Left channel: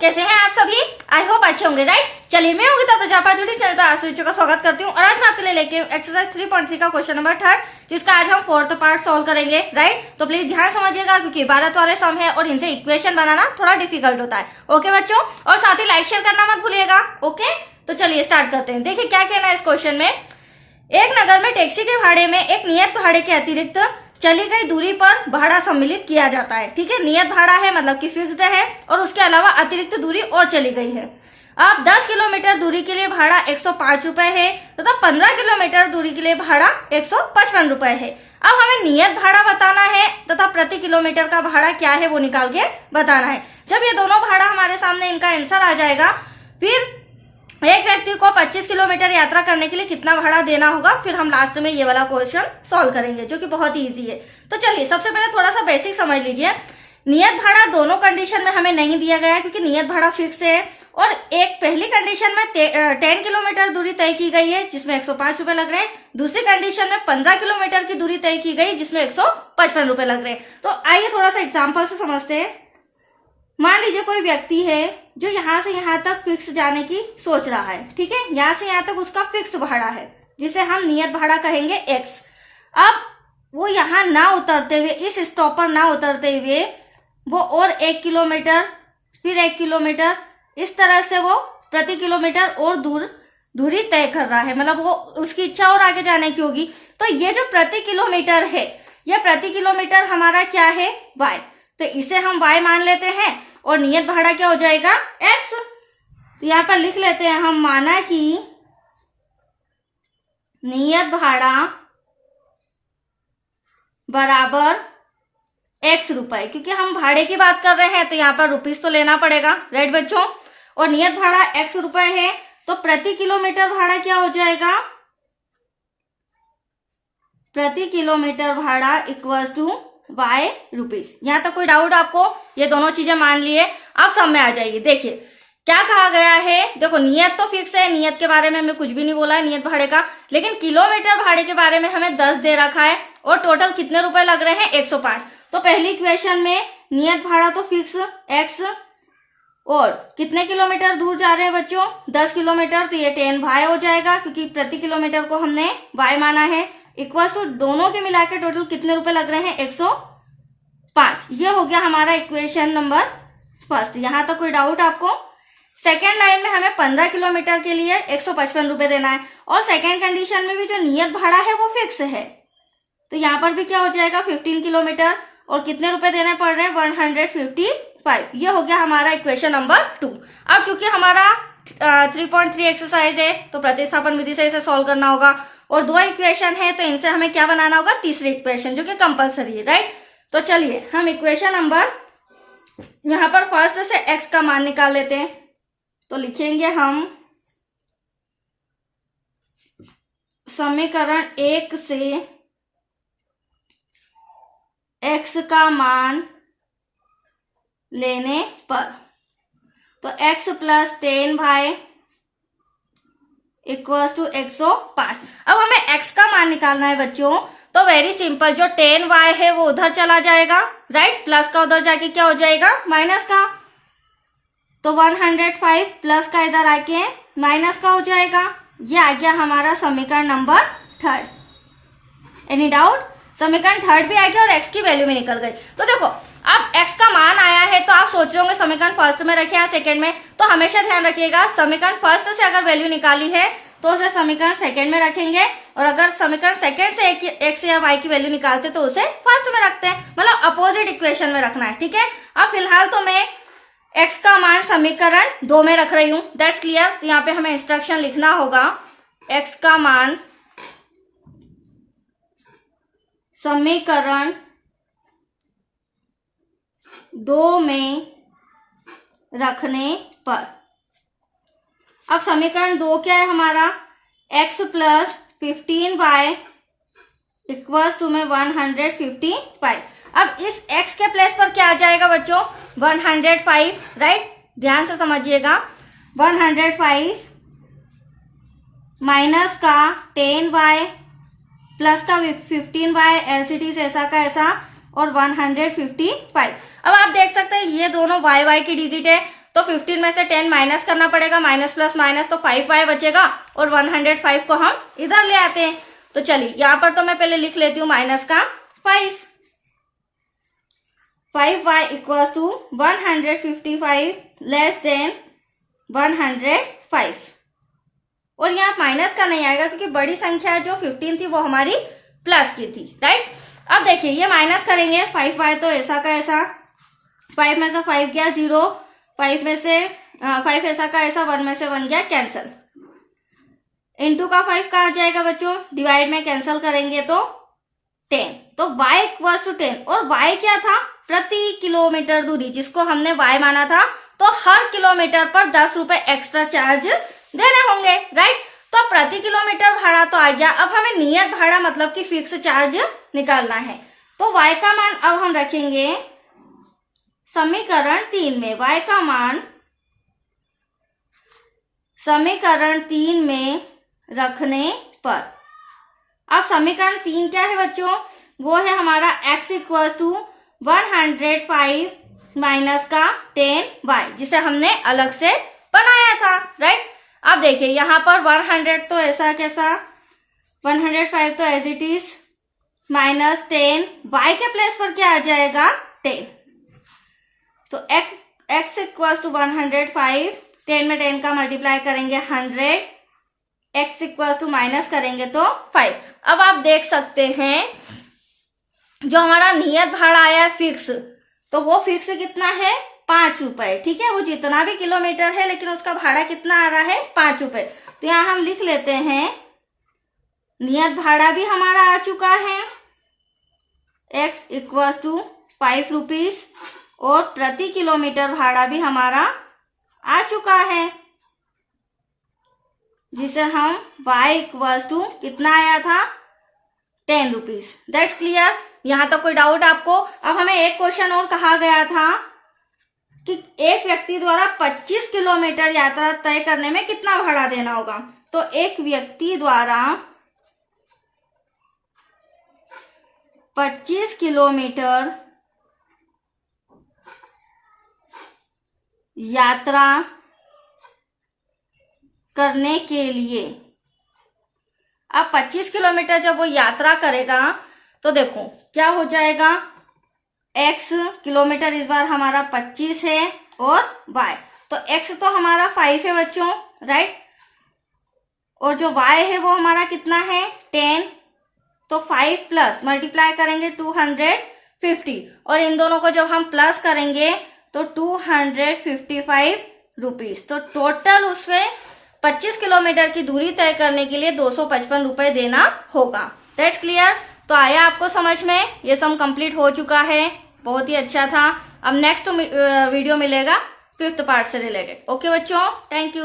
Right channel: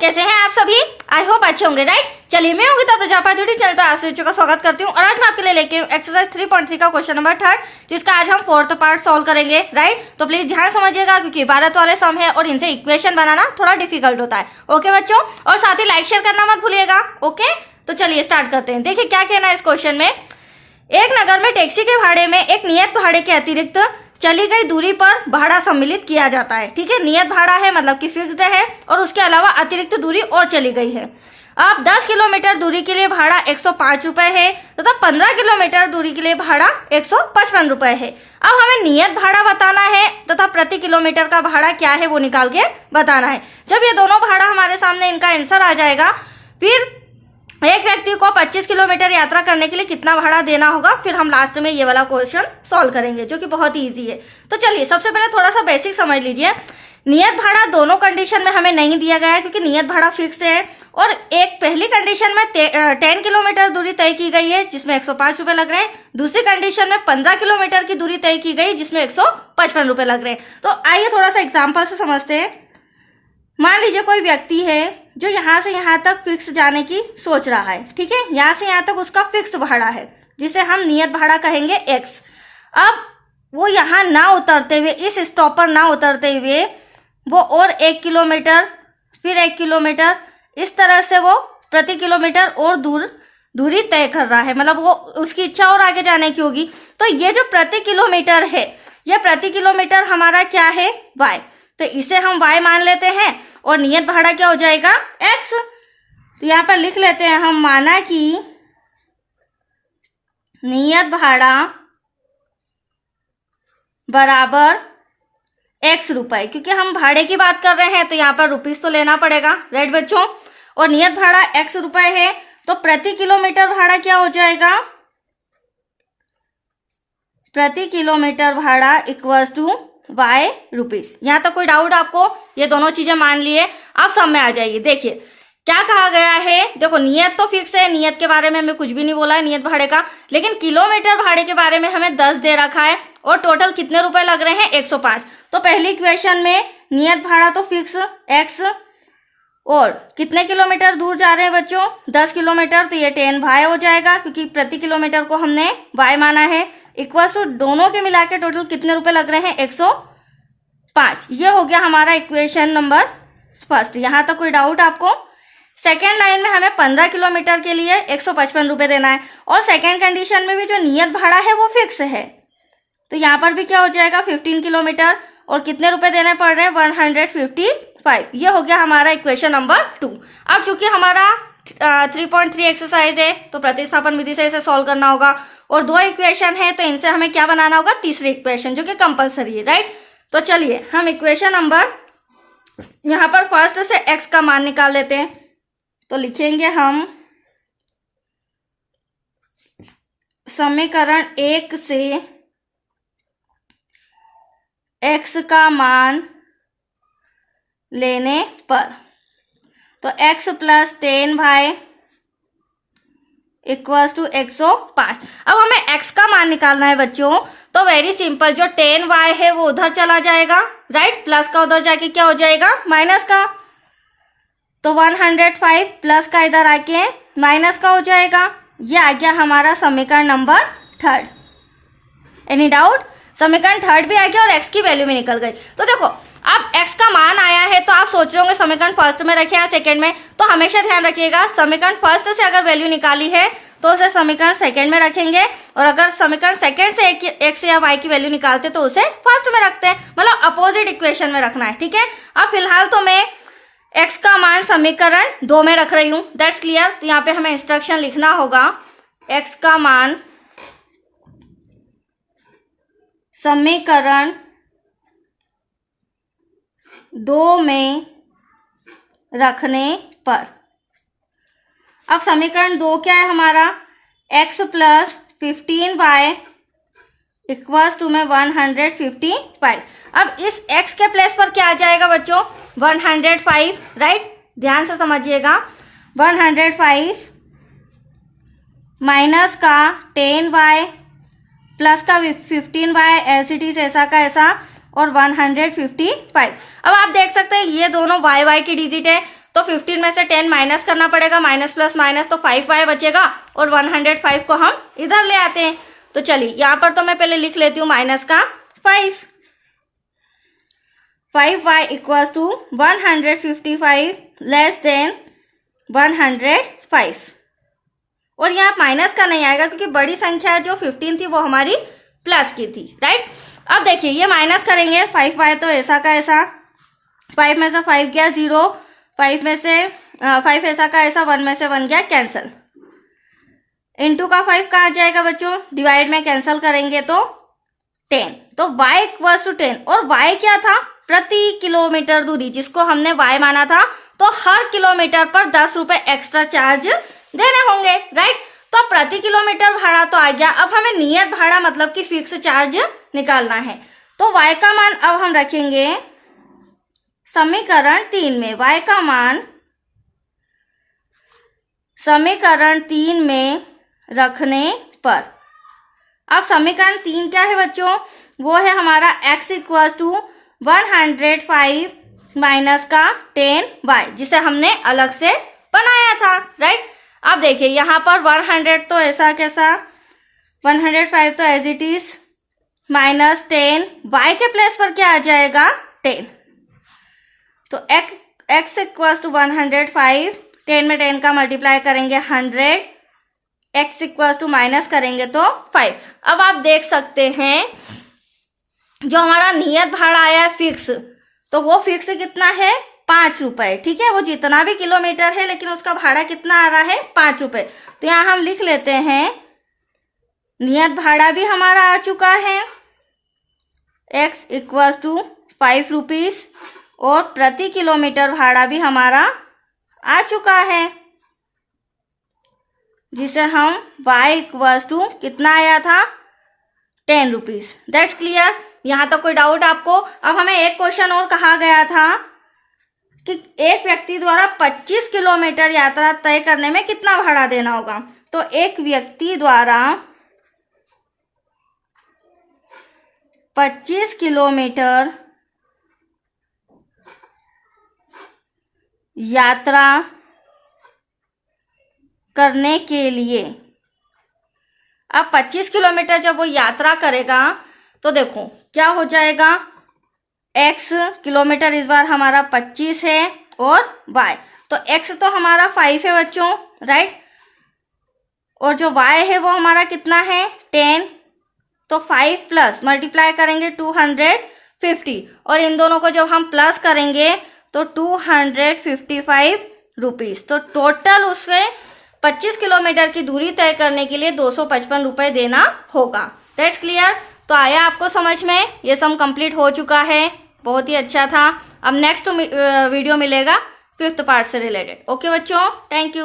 कैसे हैं आप सभी? आई होप अच्छे होंगे, राइट। चलिए, मैं योगिता प्रजापति चैनल पर आप सभी का स्वागत करती हूँ और आज मैं आपके लिए लेके एक्सरसाइज 3.3 का क्वेश्चन नंबर 3 जिसका आज हम 4th पार्ट सॉल्व करेंगे, राइट। तो प्लीज ध्यान समझिएगा क्योंकि भारत वाले सम है और इनसे इक्वेशन बनाना थोड़ा डिफिकल्ट होता है। ओके बच्चों, और साथ ही लाइक शेयर करना मत भूलिएगा। ओके, तो चलिए स्टार्ट करते हैं। देखिए क्या कहना है इस क्वेश्चन में। एक नगर में टैक्सी के भाड़े में एक नियत भाड़े के अतिरिक्त चली गई दूरी पर भाड़ा सम्मिलित किया जाता है। ठीक है, नियत भाड़ा है मतलब कि फिक्स्ड है और उसके अलावा अतिरिक्त दूरी और चली गई है। अब 10 किलोमीटर दूरी के लिए भाड़ा 105 रुपए है तथा 15 किलोमीटर दूरी के लिए भाड़ा 155 रुपए है। अब हमें नियत भाड़ा बताना है तथा प्रति किलोमीटर का भाड़ा क्या है वो निकाल के बताना है। जब ये दोनों भाड़ा हमारे सामने इनका आंसर आ जाएगा, फिर एक व्यक्ति को 25 किलोमीटर यात्रा करने के लिए कितना भाड़ा देना होगा, फिर हम लास्ट में ये वाला क्वेश्चन सॉल्व करेंगे जो कि बहुत ही इजी है। तो चलिए सबसे पहले थोड़ा सा बेसिक समझ लीजिए। नियत भाड़ा दोनों कंडीशन में हमें नहीं दिया गया है क्योंकि नियत भाड़ा फिक्स है और एक पहली कंडीशन में 10 किलोमीटर दूरी तय की गई है जिसमें 105 रुपए लग रहे हैं। दूसरी कंडीशन में 15 किलोमीटर की दूरी तय की गई जिसमें 155 रुपए लग रहे हैं। तो आइए थोड़ा सा एग्जाम्पल से समझते हैं। मान लीजिए कोई व्यक्ति है जो यहाँ से यहाँ तक फिक्स जाने की सोच रहा है। ठीक है, यहाँ से यहाँ तक उसका फिक्स भाड़ा है जिसे हम नियत भाड़ा कहेंगे x। अब वो यहाँ ना उतरते हुए, इस स्टॉप पर ना उतरते हुए वो और 1 किलोमीटर फिर 1 किलोमीटर इस तरह से वो प्रति किलोमीटर और दूरी तय कर रहा है। मतलब वो उसकी इच्छा और आगे जाने की होगी। तो ये जो प्रति किलोमीटर है, ये प्रति किलोमीटर हमारा क्या है, y। तो इसे हम y मान लेते हैं और नियत भाड़ा क्या हो जाएगा, x। तो यहाँ पर लिख लेते हैं हम, माना कि नियत भाड़ा बराबर x रुपए, क्योंकि हम भाड़े की बात कर रहे हैं तो यहाँ पर रुपीस तो लेना पड़ेगा, राइट बच्चों। और नियत भाड़ा x रुपए है तो प्रति किलोमीटर भाड़ा क्या हो जाएगा, प्रति किलोमीटर भाड़ा इक्वल्स टू y रुपीस। यहाँ तक कोई डाउट आपको? ये दोनों चीजें मान लिए, आप सब में आ जाइए। देखिए क्या कहा गया है। देखो नियत तो फिक्स है, नियत के बारे में हमें कुछ भी नहीं बोला है नियत भाड़े का, लेकिन किलोमीटर भाड़े के बारे में हमें 10 दे रखा है और टोटल कितने रुपए लग रहे हैं, 105। तो पहली इक्वेशन में नियत भाड़ा तो फिक्स x और कितने किलोमीटर दूर जा रहे हैं बच्चों, 10 किलोमीटर। तो ये 10y हो जाएगा क्योंकि प्रति किलोमीटर को हमने y माना है। इक्वल टू दोनों के मिला के टोटल कितने रुपए लग रहे हैं, 105। ये हो गया हमारा इक्वेशन नंबर फर्स्ट। यहां तक कोई डाउट आपको? सेकेंड लाइन में हमें 15 किलोमीटर के लिए 155 रुपए देना है और सेकेंड कंडीशन में भी जो नियत भाड़ा है वो फिक्स है। तो यहाँ पर भी क्या हो जाएगा, 15 किलोमीटर और कितने रुपए देने पड़ रहे हैं, 155। ये हो गया हमारा इक्वेशन नंबर 2। अब चूंकि हमारा 3.3 एक्सरसाइज है तो प्रतिस्थापन विधि से इसे सॉल्व करना होगा और 2 इक्वेशन है तो इनसे हमें क्या बनाना होगा, तीसरी इक्वेशन जो कि कंपलसरी है, राइट। तो चलिए हम इक्वेशन नंबर यहाँ पर फर्स्ट से x का मान निकाल लेते हैं। तो लिखेंगे हम समीकरण 1 से x का मान लेने पर, तो x plus 10y equals to 105। अब हमें x का मान निकालना है बच्चों। तो वेरी सिंपल, जो 10y है वो उधर चला जाएगा, राइट। प्लस का उधर जाके क्या हो जाएगा, माइनस का। तो 105 प्लस का इधर आके माइनस का हो जाएगा। ये आ गया हमारा समीकरण नंबर 3। Any doubt? समीकरण 3 भी आ गया और x की वैल्यू भी निकल गई। तो देखो अब x का मान आया है तो आप सोच रहे होंगे समीकरण फर्स्ट में रखे या सेकंड में। तो हमेशा ध्यान रखिएगा, समीकरण फर्स्ट से अगर वैल्यू निकाली है तो उसे समीकरण सेकंड में रखेंगे और अगर समीकरण सेकंड से x या y की वैल्यू निकालते तो उसे फर्स्ट में रखते हैं, मतलब अपोजिट इक्वेशन में रखना है। ठीक है, अब फिलहाल तो मैं x का मान समीकरण 2 में रख रही हूं, दैट्स क्लियर। तो यहाँ पे हमें इंस्ट्रक्शन लिखना होगा, x का मान समीकरण 2 में रखने पर। अब समीकरण 2 क्या है हमारा, x plus 15y equals to में 155। अब इस x के प्लेस पर क्या आ जाएगा बच्चों, 105, राइट। ध्यान से समझिएगा, 105 माइनस का 10y प्लस का 15y एज इट इज ऐसा का ऐसा और 155। अब आप देख सकते हैं ये दोनों y y की डिजिट है तो 15 में से 10 माइनस करना पड़ेगा, माइनस प्लस माइनस, तो 5y बचेगा और 105 को हम इधर ले आते हैं। तो चलिए यहाँ पर तो मैं पहले लिख लेती हूँ माइनस का 5y equals to 155 less than 105। और यहाँ माइनस का नहीं आएगा क्योंकि बड़ी संख्या जो 15 थी वो हमारी प्लस की थी, राइट। अब देखिए ये माइनस करेंगे, 5y तो ऐसा का ऐसा, 5 में से 5 गया 0, 5 में से 5 ऐसा का ऐसा, 1 में से 1 गया कैंसल। इनटू का 5 कहाँ जाएगा बच्चों, डिवाइड में कैंसल करेंगे तो 10, तो y इक्वल्स टू 10। और y क्या था, प्रति किलोमीटर दूरी, जिसको हमने y माना था, तो हर किलोमीटर पर 10 रुपए एक्स्ट्रा चार्ज देने होंगे, राइट। तो प्रति किलोमीटर भाड़ा तो आ गया। अब हमें नियत भाड़ा मतलब कि फिक्स चार्ज निकालना है। तो y का मान अब हम रखेंगे समीकरण 3 में, y का मान समीकरण 3 में रखने पर, अब समीकरण 3 क्या है बच्चों, वो है हमारा x इक्वल्स टू 105 माइनस का 10y, जिसे हमने अलग से बनाया था, राइट। अब देखिए यहाँ पर 100 तो ऐसा कैसा, 105 तो as it is, minus 10, y के प्लेस पर क्या आ जाएगा 10। तो x इक्वल्स टू 105, 10 में 10 का मल्टीप्लाई करेंगे 100, x इक्वल्स टू माइनस करेंगे तो 5। अब आप देख सकते हैं जो हमारा नियत भाड़ा आया है फिक्स, तो वो फिक्स कितना है 5 रुपए, ठीक है। वो जितना भी किलोमीटर है लेकिन उसका भाड़ा कितना आ रहा है 5 रुपए। तो यहाँ हम लिख लेते हैं नियत भाड़ा भी हमारा आ चुका है x इक्वल्स टू 5 रुपीज, और प्रति किलोमीटर भाड़ा भी हमारा आ चुका है, जिसे हम y इक्वल्स टू कितना आया था 10 रुपीज। दैट्स क्लियर, यहाँ तक कोई डाउट आपको। अब हमें एक क्वेश्चन और कहा गया था कि एक व्यक्ति द्वारा 25 किलोमीटर यात्रा तय करने में कितना भाड़ा देना होगा। तो एक व्यक्ति द्वारा 25 किलोमीटर यात्रा करने के लिए, अब 25 किलोमीटर जब वो यात्रा करेगा तो देखो क्या हो जाएगा, x किलोमीटर इस बार हमारा 25 है और y, तो x तो हमारा 5 है बच्चों, राइट। और जो y है वो हमारा कितना है 10, तो 5 प्लस मल्टीप्लाई करेंगे 250, और इन दोनों को जब हम प्लस करेंगे तो 255 रुपीज। तो टोटल उससे 25 किलोमीटर की दूरी तय करने के लिए 255 रुपए देना होगा। That's clear. तो आया आपको समझ में, ये सम कंप्लीट हो चुका है, बहुत ही अच्छा था। अब नेक्स्ट वीडियो मिलेगा 5th पार्ट से रिलेटेड। ओके बच्चों, थैंक यू।